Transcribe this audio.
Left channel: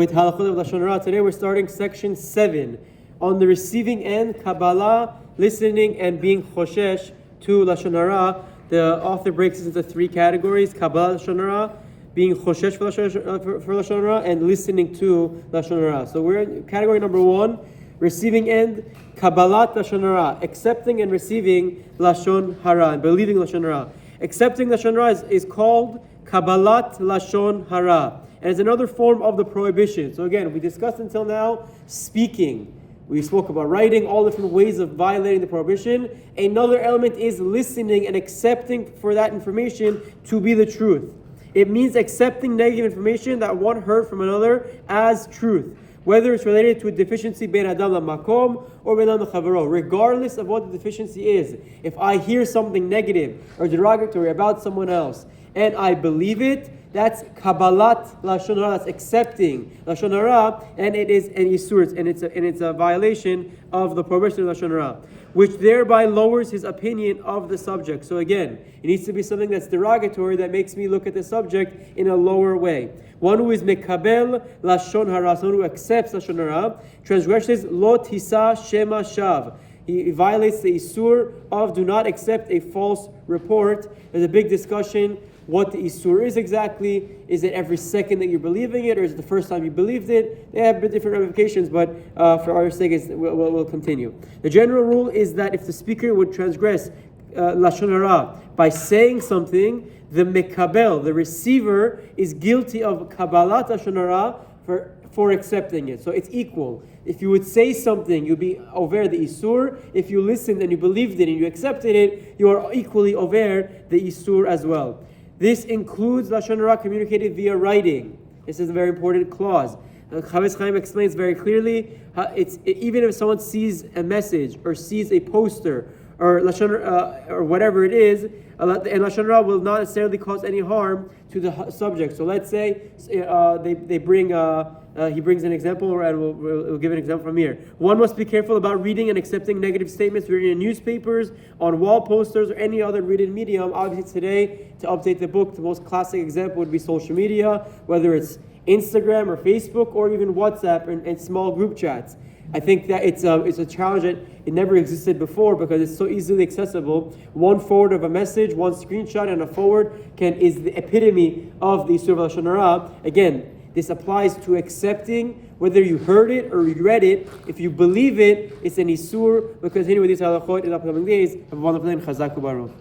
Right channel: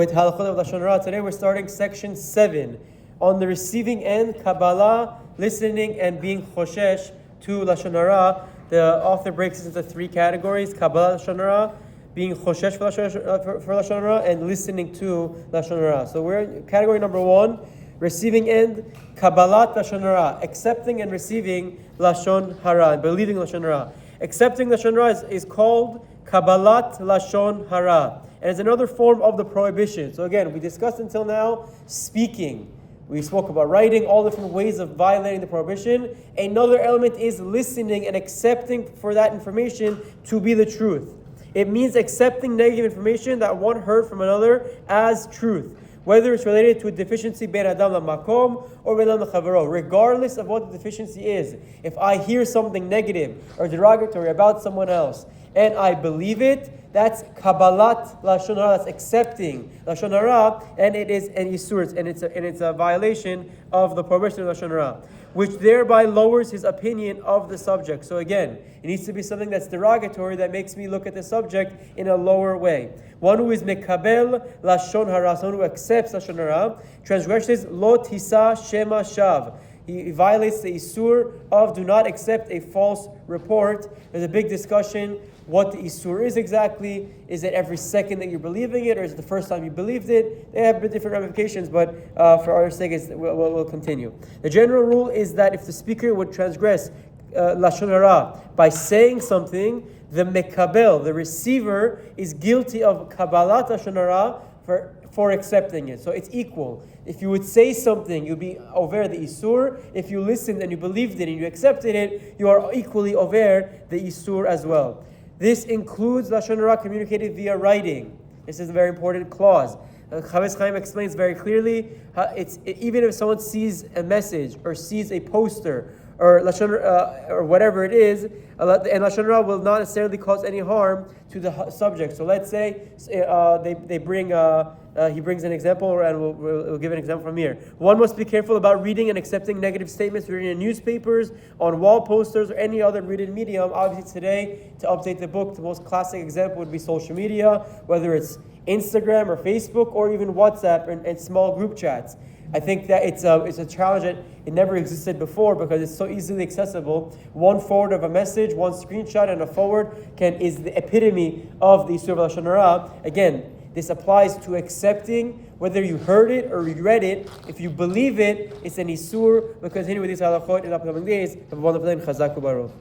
with Halachot of Lashon Hara. Today we're starting section 7 on the receiving end, Kabbalah, listening and being choshesh to Lashon Hara. The author breaks it into 3 categories: Kabalat Lashon Hara, being choshesh for Lashon Hara, and listening to Lashon Hara. So we're in category number 1, receiving end, Kabalat Lashon Hara, accepting and receiving Lashon Hara, and believing Lashon Hara. Accepting Lashon Hara is called Kabalat Lashon Hara, and it's another form of the prohibition. So again, we discussed until now speaking. We spoke about writing, all different ways of violating the prohibition. Another element is listening and accepting for that information to be the truth. It means accepting negative information that one heard from another as truth, whether it's related to a deficiency ben adam lamakom or ben adam lechavero, regardless of what the deficiency is. If I hear something negative or derogatory about someone else and I believe it, that's Kabalat Lashon Hara, that's accepting Lashon Hara, and it is an isur, and it's a violation of the prohibition of Lashon Hara, which thereby lowers his opinion of the subject. So again, it needs to be something that's derogatory that makes me look at the subject in a lower way. One who is mekabel Lashon Hara, someone who accepts Lashon Hara, transgresses lo tisa shema shav. He violates the isur of do not accept a false report. There's a big discussion what the isur is exactly. Is it every second that you're believing it, or is it the first time you believed it? They have different ramifications, but for our sake, we'll continue. The general rule is that if the speaker would transgress Lashon Hara by saying something, the mekabel, the receiver, is guilty of Kabalat Lashon Hara for accepting it. So it's equal. If you would say something, you'd be over the isur. If you listened and you believed it and you accepted it, you are equally over the isur as well. This includes Lashon Hara communicated via writing. This is a very important clause. Chafetz Chaim explains very clearly, even if someone sees a message or sees a poster or Lashon or whatever it is, and Lashon Hara will not necessarily cause any harm to the subject. So let's say they bring he brings an example, and we'll give an example from here. One must be careful about reading and accepting negative statements written in newspapers, on wall posters, or any other written medium. Obviously today, to update the book, the most classic example would be social media, whether it's Instagram or Facebook or even WhatsApp and small group chats. I think that it's a challenge that it never existed before because it's so easily accessible. One forward of a message, one screenshot, and a forward is the epitome of the Isur of Lashon Hara. Again, this applies to accepting whether you heard it or you read it. If you believe it, it's an Isur. We'll continue with these halachot in the upcoming days. Have a wonderful day. Chazak u'baruch.